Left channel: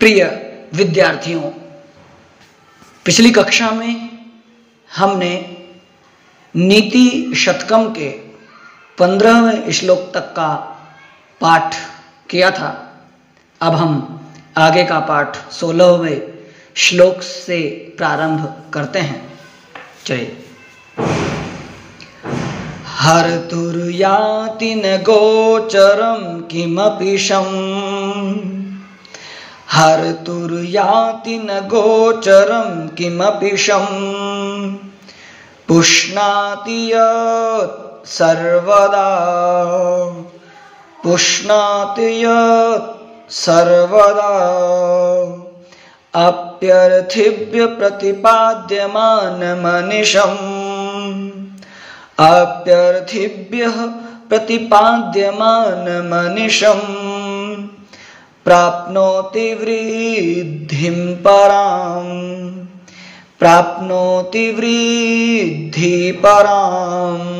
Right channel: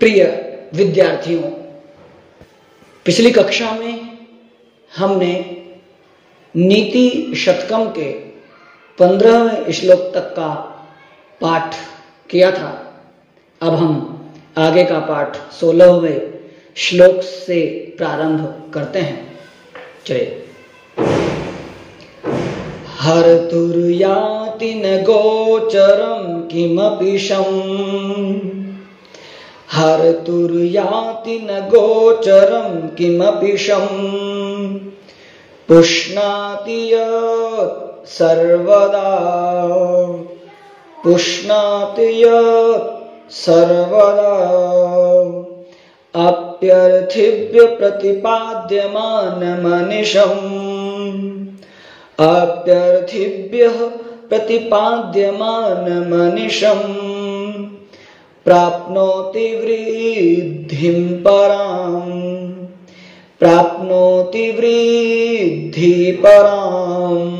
प्रिय विद्यार्थियों, पिछली कक्षा में हमने नीति शतकम के 15वें श्लोक तक का पाठ किया था। अब हम आगे का पाठ 16वें श्लोक से प्रारंभ करते हैं। जय। हर्तुर्याति न गोचरं किमपि शम्, हर्तुर्याति न गोचरं किमपि शम्, पुष्णाति यत् सर्वदा, पुष्णाति यत् सर्वदा, अप्यर्थिभ्य प्रतिपाद्यमानमनिशम्, अप्यर्थिभ्यः प्रतिपाद्यमानमनिशम्, प्राप्नोति वृद्धिं पराम्, प्राप्नोति वृद्धि पराम्,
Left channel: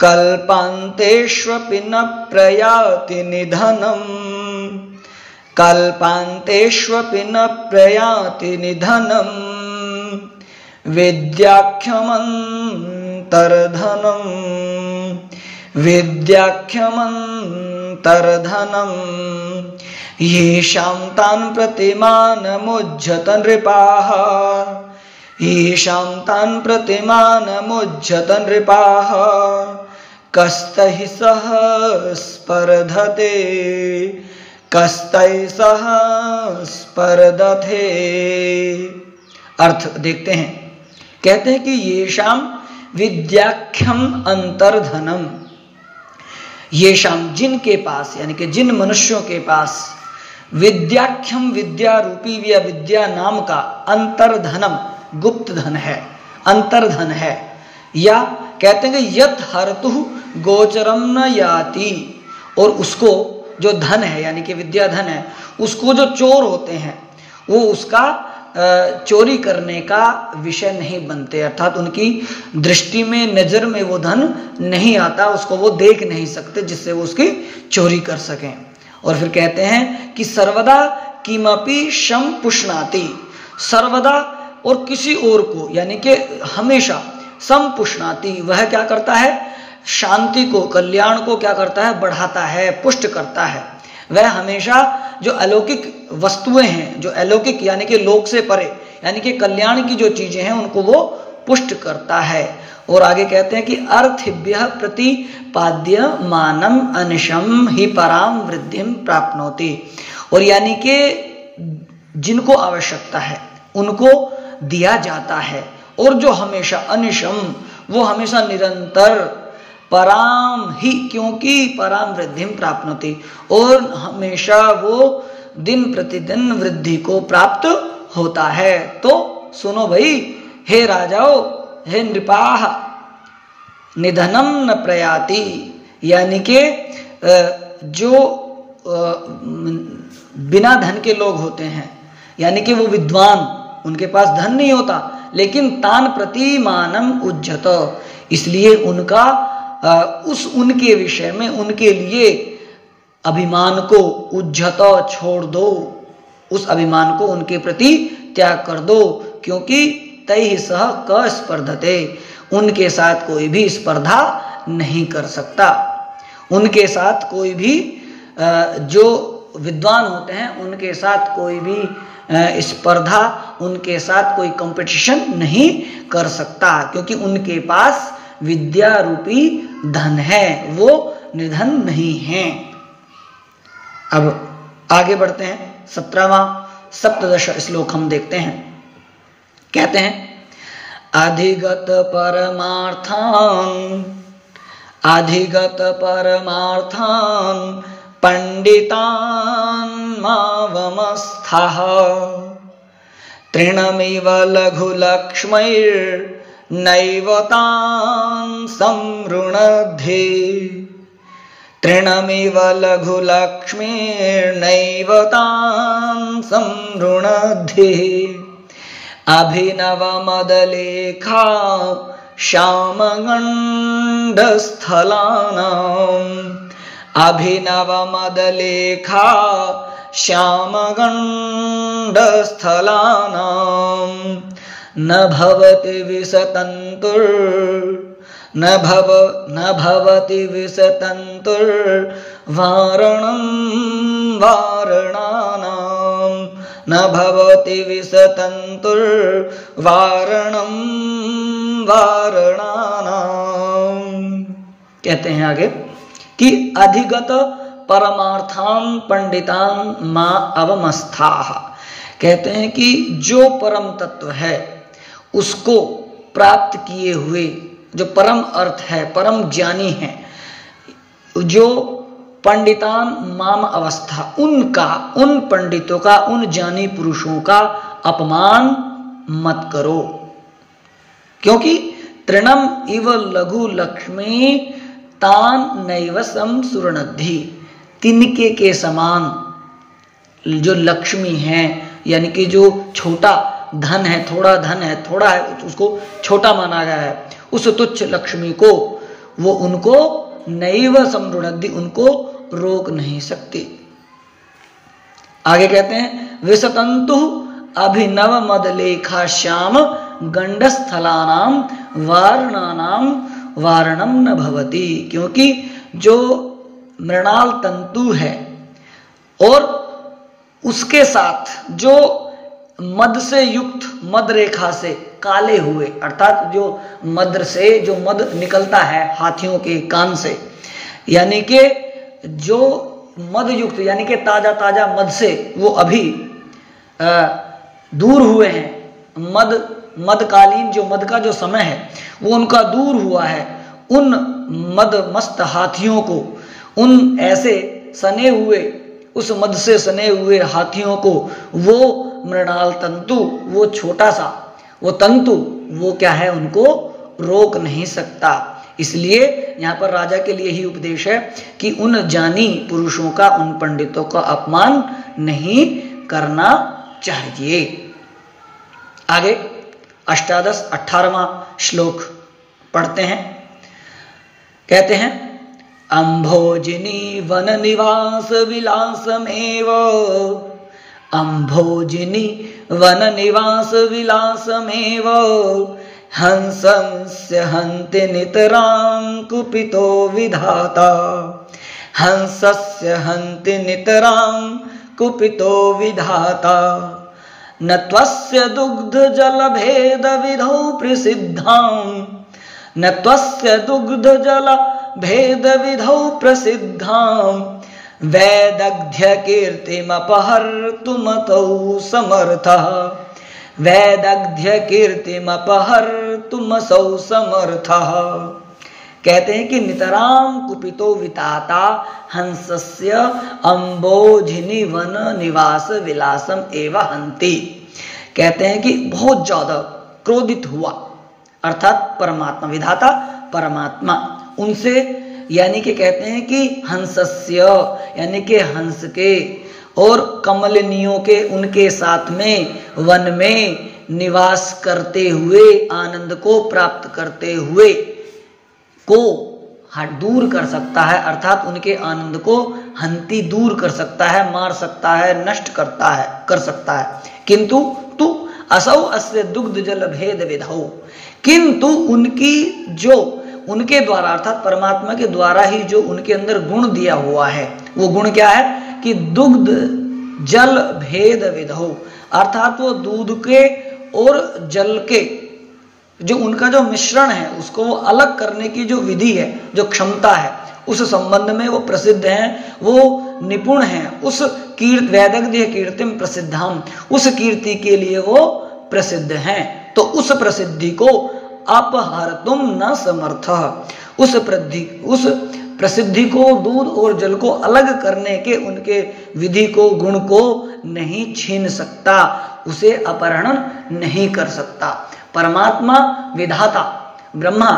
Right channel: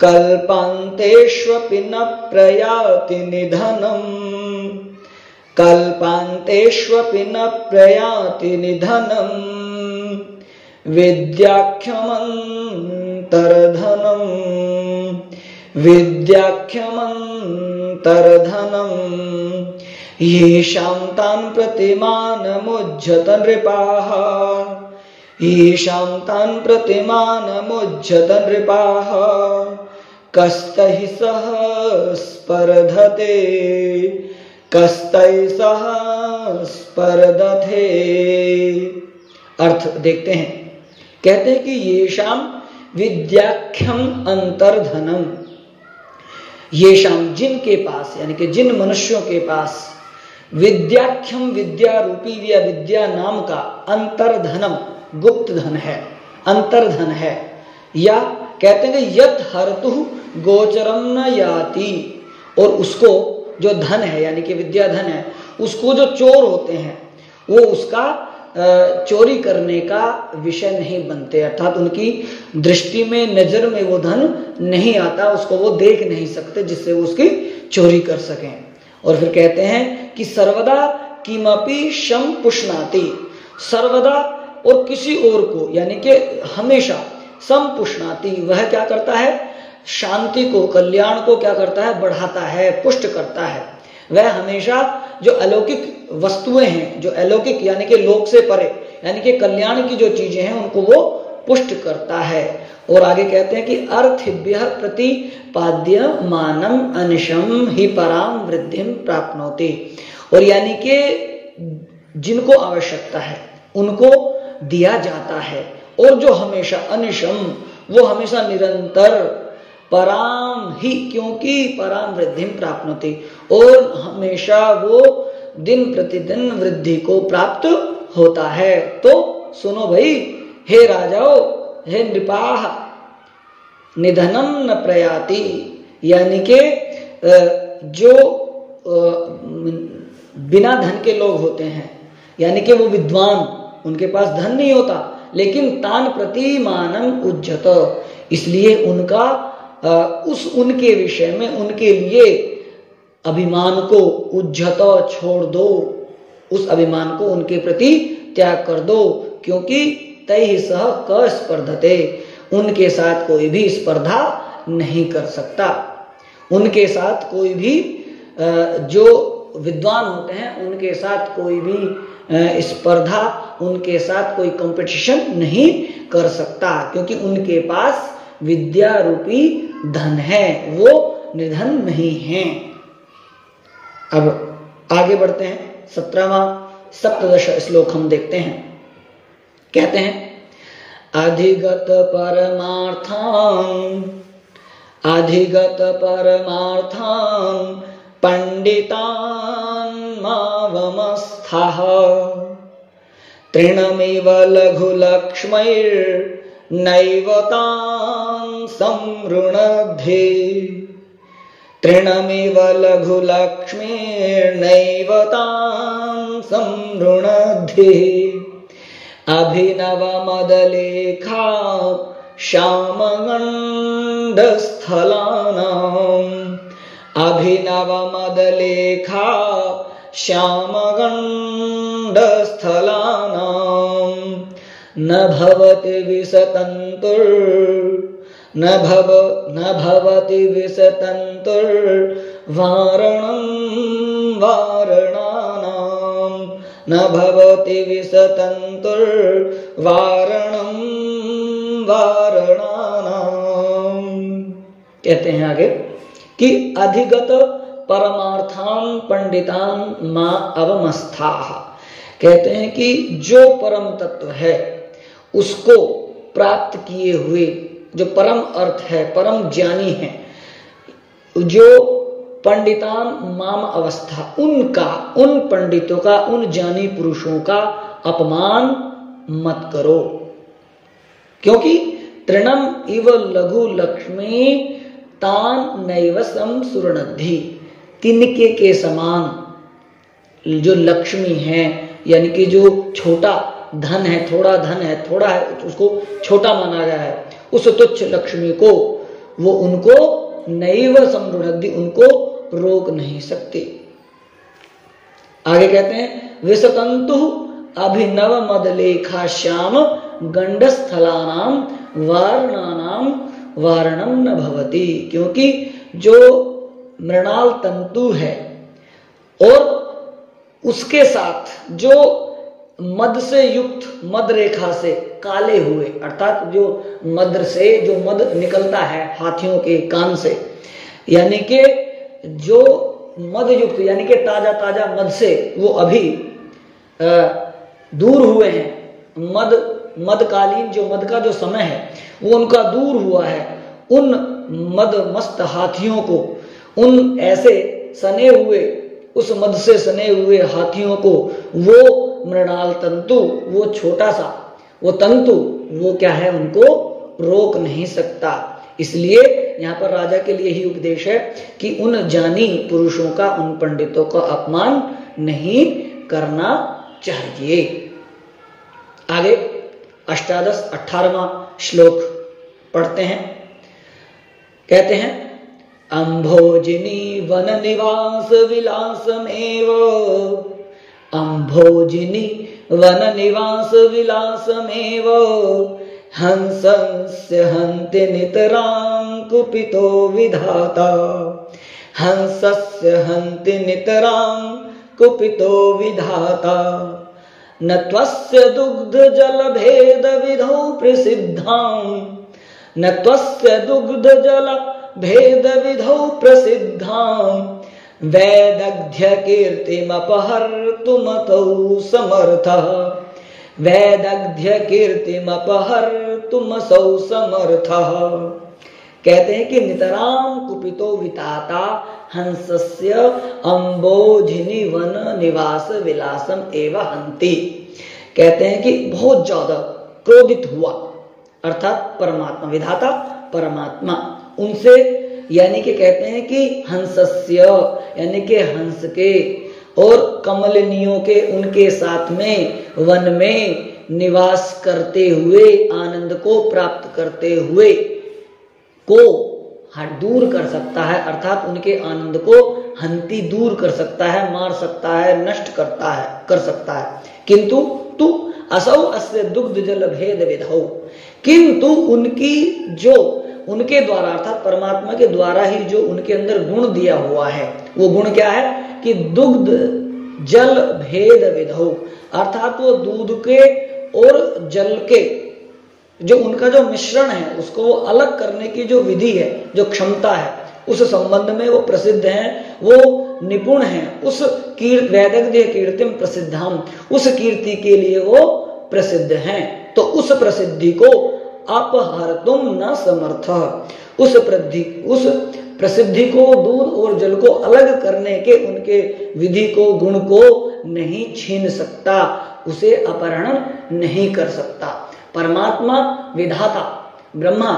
कल्पान्तेष्वपि न प्रयाति निधनम्, कल्पान्तेष्वपि न प्रयाति निधनम्, विद्याख्यमन्तर्धनम्, विद्याख्यमन्तर्धनम्, येषां तान् प्रतिमानमुज्झत नृपाः, येषां तान् प्रतिमानमुज्झत नृपाः, कस्तैः सह स्पर्धते, कस्तैः सह स्पर्धते। अर्थ देखते हैं। कहते हैं कि येषां विद्याख्यम अंतर्धनम, येषां जिनके पास, यानी कि जिन मनुष्यों के पास विद्याख्यम विद्या रूपी या विद्या नाम का अंतर्धनम गुप्त धन है, अंतर्धन है, या कहते हैं कि यत् हर्तु गोचरम न याति, और उसको जो धन है यानी कि विद्या धन है, उसको जो चोर होते हैं वो उसका चोरी करने का विषय नहीं बनते, अर्थात उनकी दृष्टि में, नजर में वो धन नहीं आता, उसको वो देख नहीं सकते जिससे वो उसकी चोरी कर सकें। और फिर कहते हैं कि सर्वदा किमपि शम पुष्णाति, सर्वदा और किसी और को, यानी कि हमेशा, सम पुष्णाति, वह क्या करता है, शांति को, कल्याण को क्या करता है, बढ़ाता है, पुष्ट करता है। वह हमेशा जो अलौकिक वस्तुएं हैं, जो अलौकिक यानी कि लोक से परे, यानी कि कल्याण की जो चीजें हैं उनको वो पुष्ट करता है। और आगे कहते हैं कि अर्थिभ्यः प्रतिपाद्यमानम अनिशम हि पराम वृद्धिम प्राप्नोति, और यानी कि जिनको आवश्यकता है उनको दिया जाता है, और जो हमेशा अनिशम, वो हमेशा निरंतर, पराम ही, क्योंकि पराम वृद्धिम प्राप्नोति, और हमेशा वो दिन प्रतिदिन वृद्धि को प्राप्त होता है। तो सुनो भाई, हे राजाओ, हे नृपाः, निधनम न प्रयाति, यानी कि जो बिना धन के लोग होते हैं, यानी कि वो विद्वान, उनके पास धन नहीं होता, लेकिन तान प्रतिमानम उज्जत, इसलिए उनका उनके विषय में, उनके लिए अभिमान को उज्जत, छोड़ दो, उस अभिमान को उनके प्रति त्याग कर दो, क्योंकि तैः सह क स्पर्धते, उनके साथ कोई भी स्पर्धा नहीं कर सकता, उनके साथ कोई भी जो विद्वान होते हैं उनके साथ कोई भी स्पर्धा, उनके साथ कोई कंपटीशन नहीं कर सकता, क्योंकि उनके पास विद्या रूपी धन है, वो निर्धन नहीं है। अब आगे बढ़ते हैं, 17वां सप्तदश श्लोक हम देखते हैं। कहते हैं अधिगत परमार्थान्, अधिगत परमार्थान् पंडितान् मावमस्थः, तृणमिव लघुलक्ष्मैर्नैव तान् संवृणद्धि, तृणमिव लघुलक्ष्मीर्नैव तान् संवृणद्धि, अभिनवमदलेखा श्यामगण्डस्थलानाम्, अभिनवमदलेखा श्यामगण्डस्थलानां न भवति विसतन्तुर्वारणं वारणानां न भवति विसतन्तुर्वारणं वारणानां। कहते हैं आगे कि अधिगत परमार्थान पंडितान मा अवमस्थाः। कहते हैं कि जो परम तत्व है उसको प्राप्त किए हुए, जो परम अर्थ है, परम ज्ञानी है, जो पंडितान माम अवस्था, उनका, उन पंडितों का, उन ज्ञानी पुरुषों का अपमान मत करो, क्योंकि तृणम इव लघु लक्ष्मी तान नैव सम सुरनद्धि। तिनके के समान जो लक्ष्मी है, यानी कि जो छोटा धन है, थोड़ा धन है, थोड़ा है, उसको छोटा माना गया है, उस तुच्छ लक्ष्मी को वो उनको नैव समृद्धि, उनको रोक नहीं सकते। आगे कहते हैं विसतंतु अभिनव मदलेखा श्याम गंडस्थलानाम वारणानाम वारणम न भवति। क्योंकि जो मृणाल तंतु है और उसके साथ जो मद से युक्त, मद रेखा से काले हुए, अर्थात जो मद से जो मद निकलता है हाथियों के कान से, यानी कि जो मद युक्त, यानी कि ताजा ताजा मद से वो अभी दूर हुए हैं, मदकालीन जो मद का जो समय है वो उनका दूर हुआ है, उन मद मस्त हाथियों को, उन ऐसे सने हुए, उस मद से सने हुए हाथियों को वो मृणाल तंतु, वो छोटा सा वो तंतु, वो क्या है, उनको रोक नहीं सकता। इसलिए यहाँ पर राजा के लिए ही उपदेश है कि उन ज्ञानी पुरुषों का, उन पंडितों का अपमान नहीं करना चाहिए। आगे अष्टादश 18वां श्लोक पढ़ते हैं। कहते हैं अम्भोजिनी वन निवास विलासमेव, अम्भोजिनी वन निवास विलासमेव हंसस्य हन्ति नितरां कुपितो विधाता, हंसस्य हन्ति नितरां कुपितो विधाता। न त्वस्य दुग्ध जल भेद विधौ प्रसिद्धां, न त्वस्य दुग्ध जल भेद विधौ प्रसिद्धां वैदग्ध्य कीर्तिमपहर्तुमतौ समर्थः, वैदग्ध्य कीर्तिमपहर्तुमसौ समर्थः। कहते हैं कि नितरां कुपितो विताता हंसस्य अम्बोजिनी वन निवास विलासम एवं हंति। कहते हैं कि बहुत ज्यादा क्रोधित हुआ, अर्थात परमात्मा, विधाता परमात्मा उनसे, यानी कि कहते हैं कि हंसस्य, यानी कि हंस के और कमलिनियों के, उनके साथ में वन में निवास करते हुए, आनंद को प्राप्त करते हुए को दूर कर सकता है, अर्थात उनके आनंद को हंति दूर कर सकता है, मार सकता है, नष्ट करता है, कर सकता है। किंतु तू असौ अस्य दुग्ध जल भेद विधौ, किंतु उनकी जो, उनके द्वारा अर्थात परमात्मा के द्वारा ही जो उनके अंदर गुण दिया हुआ है, वो गुण क्या है कि दुग्ध जल भेद विधौ, अर्थात वो दूध के और जल के जो उनका जो मिश्रण है उसको अलग करने की जो विधि है, जो क्षमता है, उस संबंध में वो प्रसिद्ध हैं, वो निपुण हैं। उस वैदग्ध्य कीर्तिम प्रसिद्धाम, उस कीर्ति के लिए वो प्रसिद्ध हैं। तो उस प्रसिद्धि को अपहर्तुम न समर्थ, उस प्रसिद्धि को, दूध और जल को अलग करने के उनके विधि को, गुण को नहीं छीन सकता, उसे अपहरण नहीं कर सकता। परमात्मा विधाता ब्रह्मा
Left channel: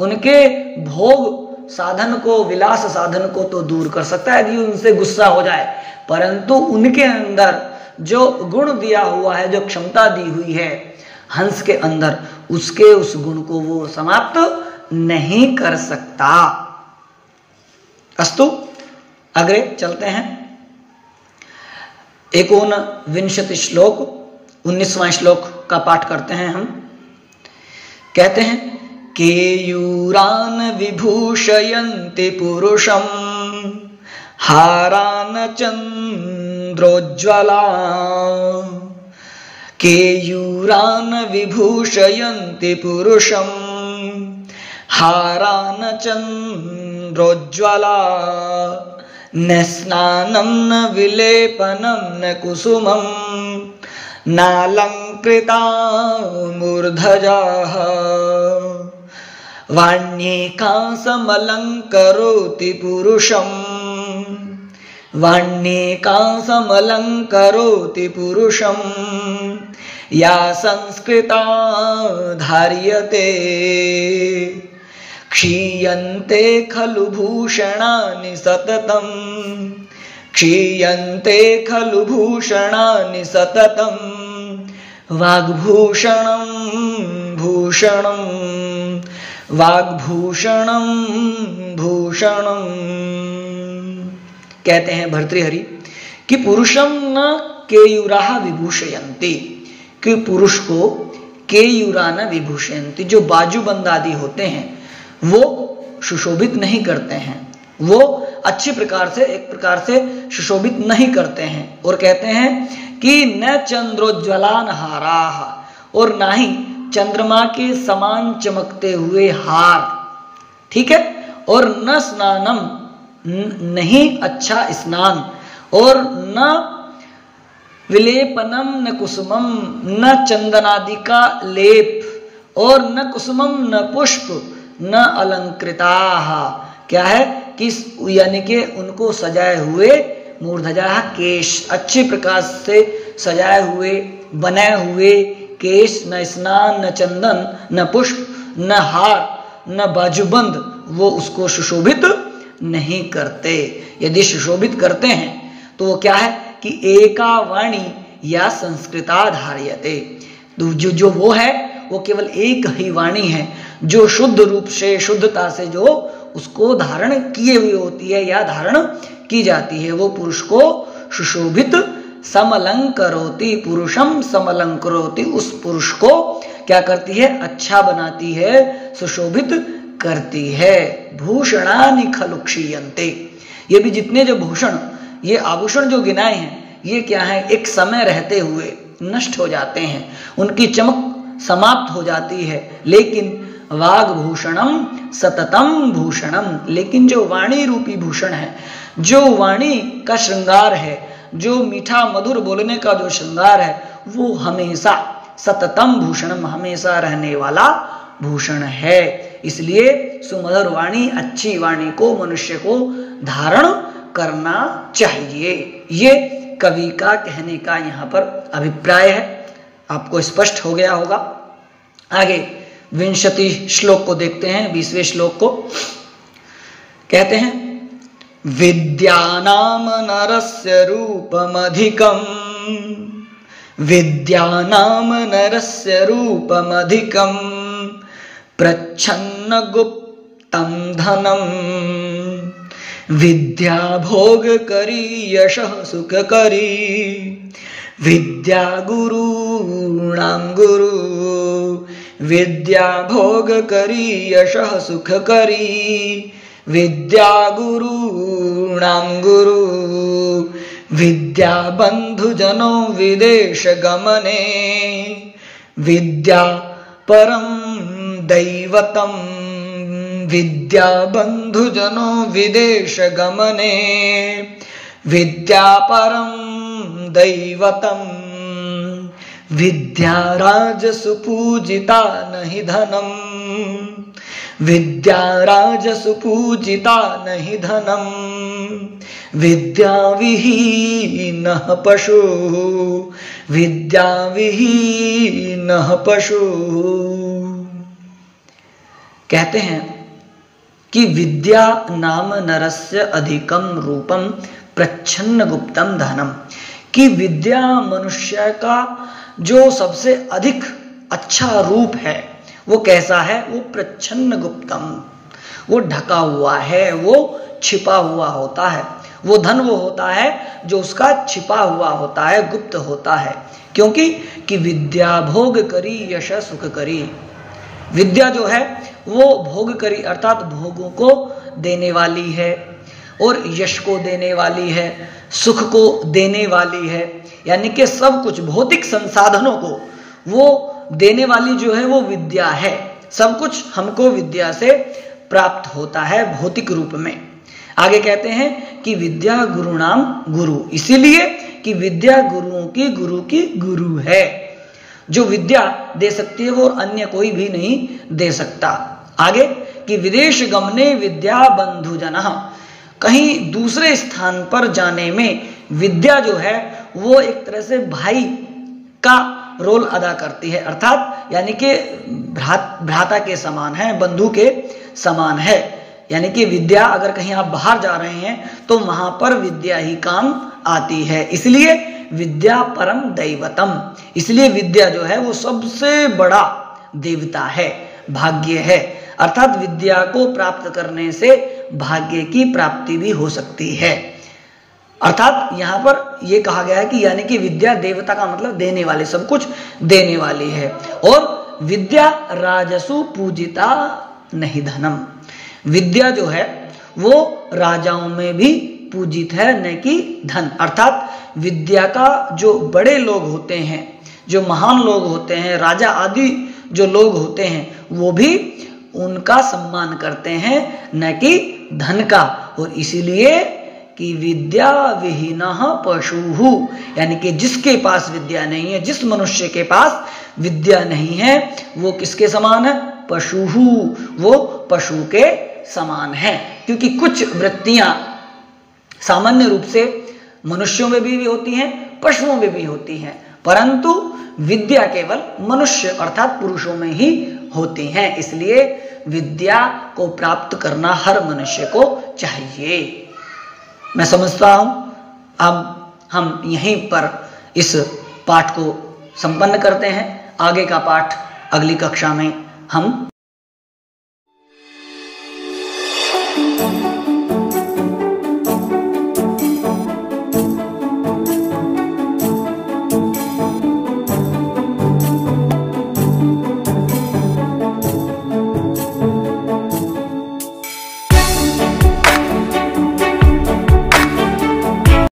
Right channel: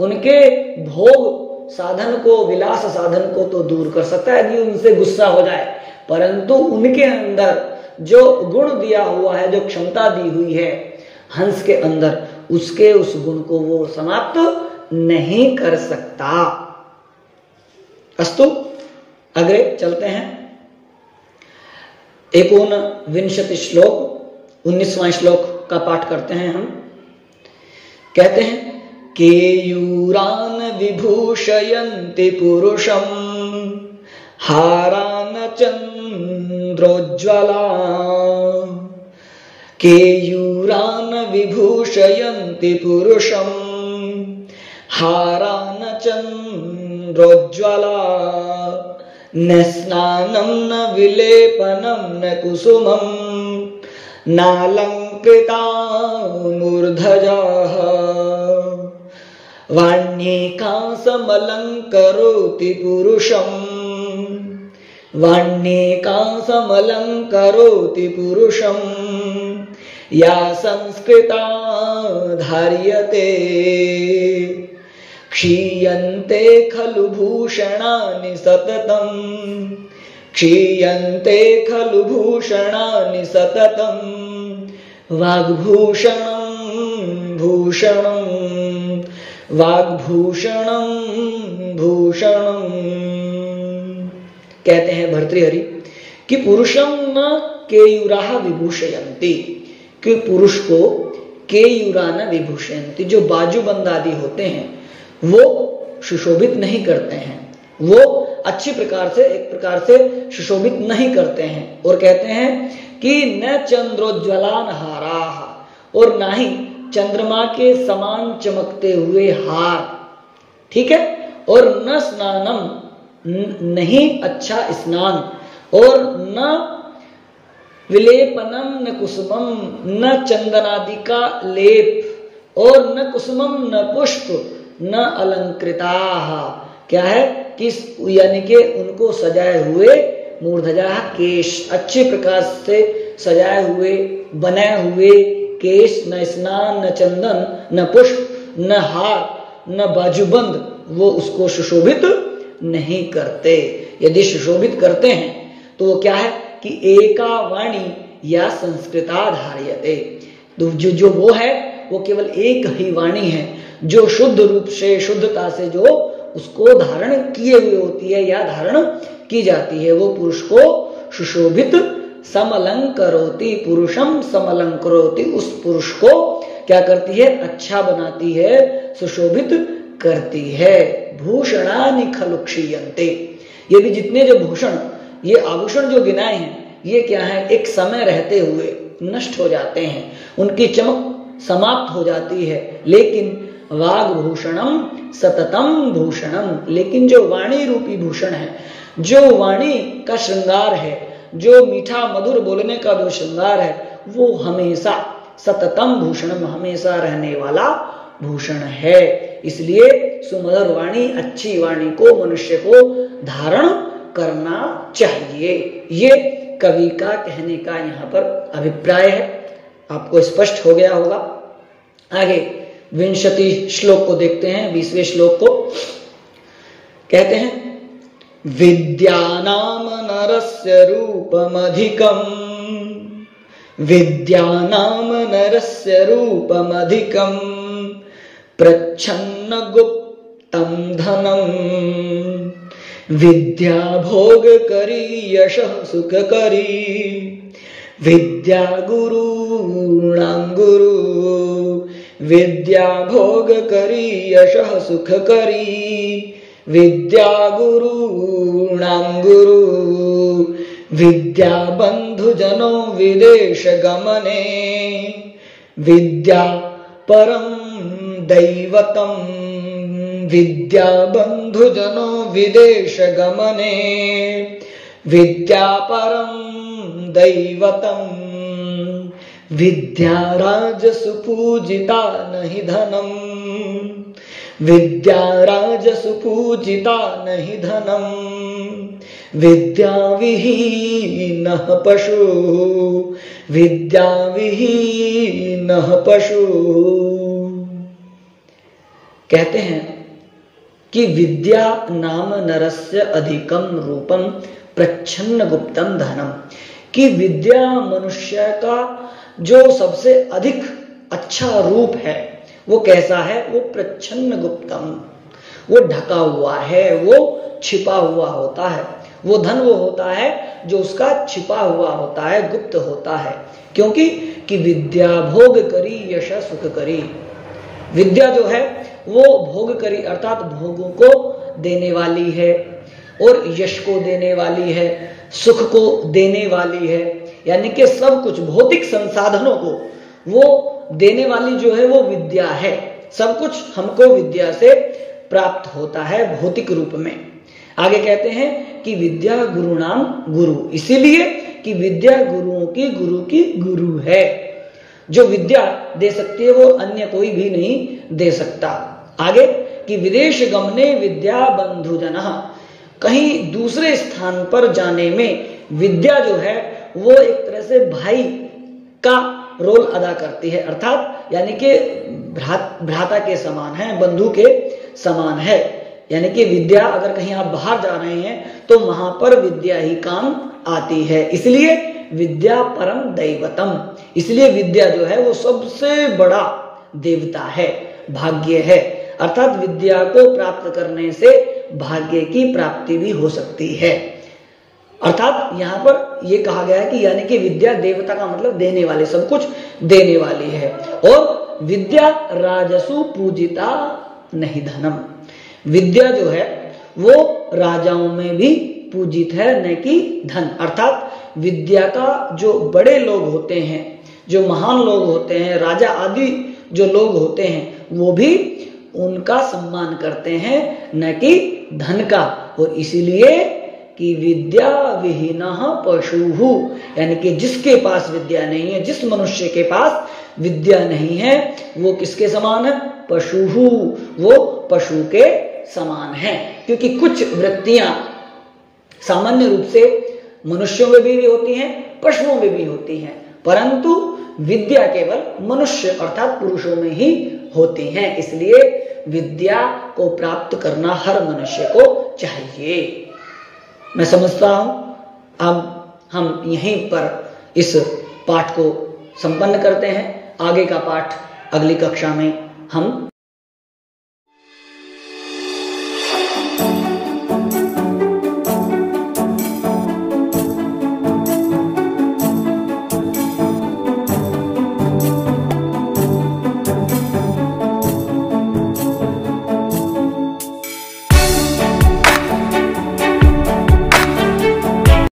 उनके भोग साधन को, विलास साधन को तो दूर कर सकता है यदि उनसे गुस्सा हो जाए, परंतु उनके अंदर जो गुण दिया हुआ है, जो क्षमता दी हुई है हंस के अंदर, उसके उस गुण को वो समाप्त नहीं कर सकता। अस्तु, आगे चलते हैं। 19 श्लोक, 19वां श्लोक का पाठ करते हैं हम। कहते हैं केयूरान विभूषयन्ति पुरुषं हारान चंद्रोज्ज्वला। केयूरान विभूषयन्ति पुरुषं हारान चंद्रोज्ज्वला। न स्नानं न विलेपनं न कुसुमं नालंकृता मूर्धजाः। वाण्येकासमलंकरोति पुरुषं, वाण्येकासमलंकरोति पुरुषं या संस्कृता धार्यते। क्षीयन्ते खलु भूषणानि सततं, क्षीयन्ते खलु भूषणानि सततं। वाग्भूषणं भूषणं, वाग्भूषणं भूषणं। कहते हैं भर्तृहरि कि पुरुषं न केयूराः विभूषयन्ति, कि पुरुष को केयूरा न विभूषयन्ति, जो बाजूबंद आदि होते हैं वो सुशोभित नहीं करते हैं, वो अच्छी प्रकार से, एक प्रकार से सुशोभित नहीं करते हैं। और कहते हैं कि न चंद्रोज्ज्वलान हाराः, और ना ही चंद्रमा के समान चमकते हुए हार, ठीक है। और न स्नानम, नहीं अच्छा स्नान, और न विलेपनम न कुसुमम, न चंदनादि का लेप, और न कुसुमम न पुष्प न अलंकृताः। क्या है कि यानी कि उनको सजाए हुए मूर्धजा केश, अच्छी प्रकार से सजाए हुए बनाए हुए केश, न स्नान न चंदन न पुष्प न हार न बाजूबंद, वो उसको सुशोभित नहीं करते। यदि सुशोभित करते हैं तो वो क्या है कि एका वाणी या संस्कृता धार्यते, तो जो वो है वो केवल एक ही वाणी है जो शुद्ध रूप से, शुद्धता से जो उसको धारण किए हुए होती है या धारण की जाती है, वो पुरुष को सुशोभित समलंकरोति, पुरुषम समलंकरोति, उस पुरुष को क्या करती है, अच्छा बनाती है, सुशोभित करती है। भूषणानि खलु क्षीयन्ते, ये भी जितने जो भूषण, ये आभूषण जो गिनाए हैं, ये क्या है, एक समय रहते हुए नष्ट हो जाते हैं, उनकी चमक समाप्त हो जाती है। लेकिन वाग्भूषणम सततम भूषणम, लेकिन जो वाणी रूपी भूषण है, जो वाणी का श्रृंगार है, जो मीठा मधुर बोलने का जो श्रृंगार है, वो हमेशा सततम भूषणम, हमेशा रहने वाला भूषण है। इसलिए सुमधुर वाणी, अच्छी वाणी को मनुष्य को धारण करना चाहिए। ये कवि का कहने का यहाँ पर अभिप्राय है। आपको स्पष्ट हो गया होगा। आगे 20 श्लोक को देखते हैं। 20वें श्लोक को कहते हैं, विद्यानाम नरस्य रूपमधिकम, विद्यानाम नरस्य रूपमधिकम प्रच्छन्न गुप्तम धनम। विद्या भोग करी यशः सुख करी, विद्या गुरूणां गुरु। विद्या भोग करी यशः सुख करी, विद्या गुरूणां गुरु। विद्या बंधु जनो विदेश गमने, विद्या परम दैवतम। विद्या बंधु जनो विदेश गमने, विद्या परम दैवतम। विद्या राजसु पूजिता नहि धनम, विद्या राजसु पूजिता नहि धनम। विद्या विहीनः पशु, विद्या विहीनः पशु। कहते हैं कि विद्या नाम नरस्य अधिकम रूपम प्रच्छन्न गुप्तम धनम, कि विद्या मनुष्य का जो सबसे अधिक अच्छा रूप है वो कैसा है, वो प्रच्छन्न गुप्तम, वो ढका हुआ है, वो छिपा हुआ होता है। वो धन वो होता है जो उसका छिपा हुआ होता है, गुप्त होता है। क्योंकि कि विद्या भोग करी यश सुख करी। विद्या जो है वो भोग करी अर्थात भोगों को देने वाली है और यश को देने वाली है, सुख को देने वाली है, यानी कि सब कुछ भौतिक संसाधनों को वो देने वाली जो है वो विद्या है। सब कुछ हमको विद्या से प्राप्त होता है भौतिक रूप में। आगे कहते हैं कि विद्या गुरु नाम गुरु, इसीलिए कि विद्या गुरुओं की गुरु है। जो विद्या दे सकती है वो अन्य कोई भी नहीं दे सकता। आगे कि विदेश गमने विद्या बंधु जना, कहीं दूसरे स्थान पर जाने में विद्या जो है वो एक तरह से भाई का रोल अदा करती है, अर्थात यानी कि भ्राता के समान है, बंधु के समान है। यानी कि विद्या अगर कहीं आप बाहर जा रहे हैं तो वहां पर विद्या ही काम आती है। इसलिए विद्या परम दैवतम, इसलिए विद्या जो है वो सबसे बड़ा देवता है, भाग्य है। अर्थात विद्या को प्राप्त करने से भाग्य की प्राप्ति भी हो सकती है। अर्थात यहां पर यह कहा गया है कि यानी कि विद्या देवता का मतलब देने वाले, सब कुछ देने वाली है। और विद्या राजसु पूजिता नहीं धनम, विद्या जो है वो राजाओं में भी पूजित है, न कि धन। अर्थात विद्या का जो बड़े लोग होते हैं, जो महान लोग होते हैं, राजा आदि जो लोग होते हैं, वो भी उनका सम्मान करते हैं, न कि धन का। और इसीलिए कि विद्या विहीनः पशुहु, यानी कि जिसके पास विद्या नहीं है, जिस मनुष्य के पास विद्या नहीं है, वो किसके समान है? पशुहु, वो पशु के समान है। क्योंकि कुछ वृत्तियां सामान्य रूप से मनुष्यों में भी होती हैं, पशुओं में भी होती हैं, परंतु विद्या केवल मनुष्य अर्थात पुरुषों में ही होती हैं। इसलिए विद्या को प्राप्त करना हर मनुष्य को चाहिए। मैं समझता हूं अब हम यहीं पर इस पाठ को संपन्न करते हैं। आगे का पाठ अगली कक्षा में हम